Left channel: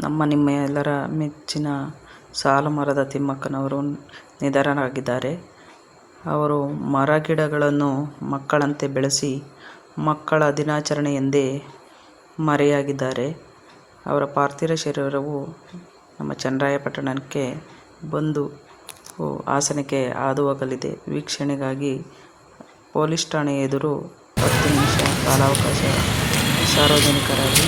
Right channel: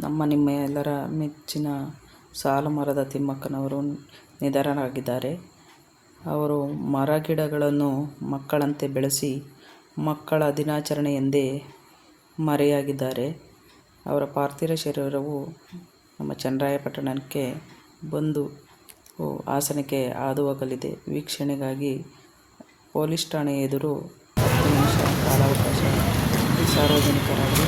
ನಮ್ಮ ನಿಮ್ಮ ಎಲ್ಲರ ಮೆಚ್ಚಿನ ಸಾಲುಮರದ ತಿಮ್ಮಕ್ಕನವರು ನಿಧನರಾಗಿದ್ದಾರೆ. ಅವರು ಮರ ಗಿಡಗಳನ್ನು ಮಕ್ಕಳಂತೆ ಬೆಳೆಸಿ ಮಕ್ಕಳ ದಿನಾಚರಣೆ ಎಂದೇ ಮರೆಯಾಗಿದ್ದಾರೆ. ಅವರ ಪಾರ್ಥಿವ ಶರೀರವು ನಮ್ಮ ಚನ್ನರಾಯಪಟ್ಟಣಕ್ಕೆ ಬಂದು ಆಸನಕ್ಕೆ ಹಾದು ಹೋಗಲಿದೆ ವೀಕ್ಷಣೆಗಾಗಿ ಪೊಲೀಸ್ ಠಾಣೆ ಎದುರು ಹತ್ತು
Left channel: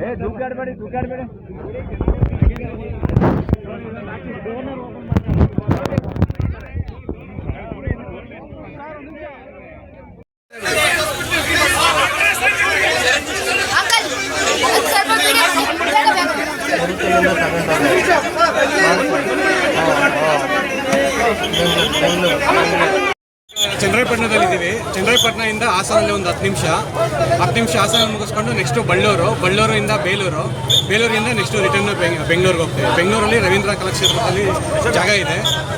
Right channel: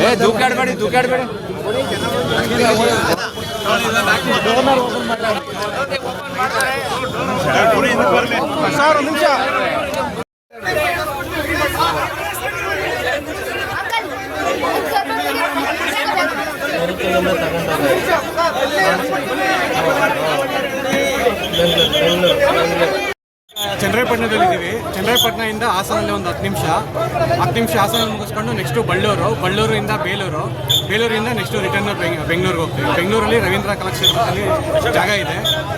ಏ ದೂಕಾಡ್ಬೇಡಿ ದೂಕಾಡ್ಬೇಡಿ ಚನ್ನರಾಯಪಟ್ಟಣದಲ್ಲಿ ಇದ್ದೀವಿ ಚೆನ್ನರಾಯಪಟ್ಟಣದಿಂದ ಹಾಸನಲ್ಲಿ ಒಂದು ಹತ್ತು ನಿಮಿಷ. ಹತ್ತು ನಿಮಿಷ ಹಾಸನ ಮುಗಿಸ್ಕೊಂಡು ನೆಕ್ಸ್ಟು ಬಳ್ಳೂರು ಬಳ್ಳೂರಿಂದ ಬೇಲೂರು. ಬೇಲೂರಿಂದ ನೆಕ್ಸ್ಟು ರಿಟರ್ನ್ ಬೆಂಗಳೂರಿಗೆ ಹೋಗ್ತೀವಿ. ಬೆಂಗಳೂರಲ್ಲಿ ರವೀಂದ್ರ ಕಲಾಕ್ಷೇತ್ರದಲ್ಲಿ ಜಾಗ ಇದೆ.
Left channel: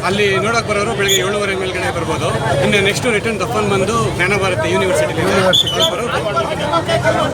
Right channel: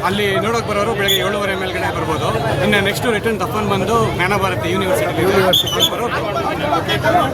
ಅಲ್ಲಿ ನೋಡೋಕೆ ಬರೋರು ಬೆಳಗ್ಗೆ ಏಳುವರೆ ಮೇಲ್ಗಡೆ ಬರ್ಬೋದು. ಇನ್ನು ನೆಕ್ಸ್ಟು ರಿಟರ್ನ್ ದಫನ್ ಬಂದು ಜ್ಞಾನಭಾರತಿ ಯೂನಿವರ್ಸಿಟಿ ಯೂನಿವರ್ಸಿಟಿ ಬರೋರು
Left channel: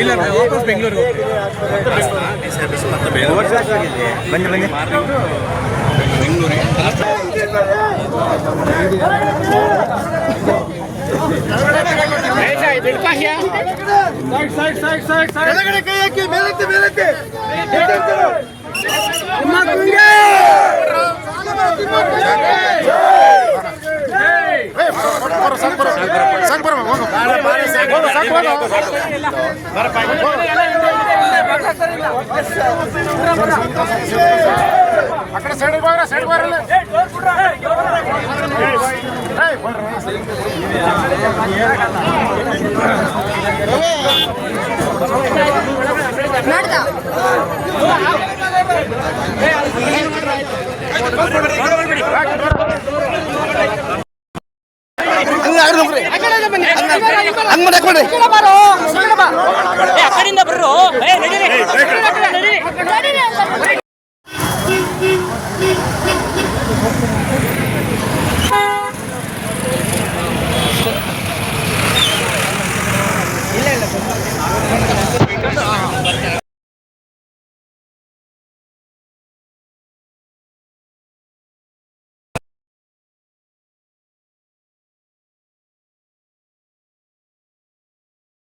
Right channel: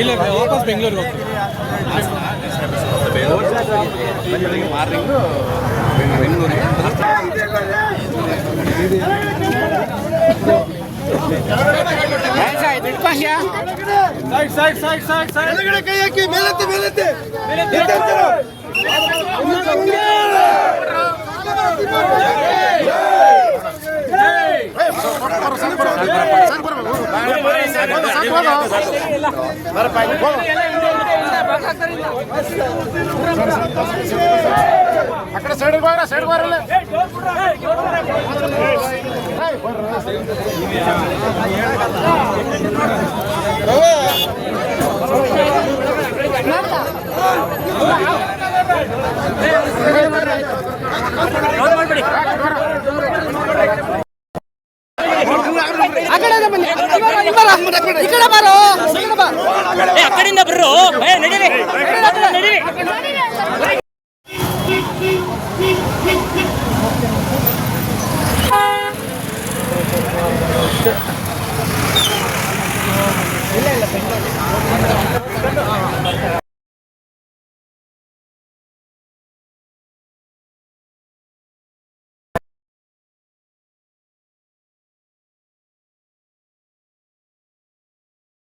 ಇಲ್ಲ ವಾಪಸ್ ಬೆಂಗಳೂರಿಗೆ ಹೋಗ್ತೀವಿ అక్కడ సైడ్ బాగా సైడ్ బాగా ಮಾಡ್ತಾ ಸೈಡ್ ಬರ್ರು ನಡೀರಿ ಇಲ್ಲ ಇಲ್ಲ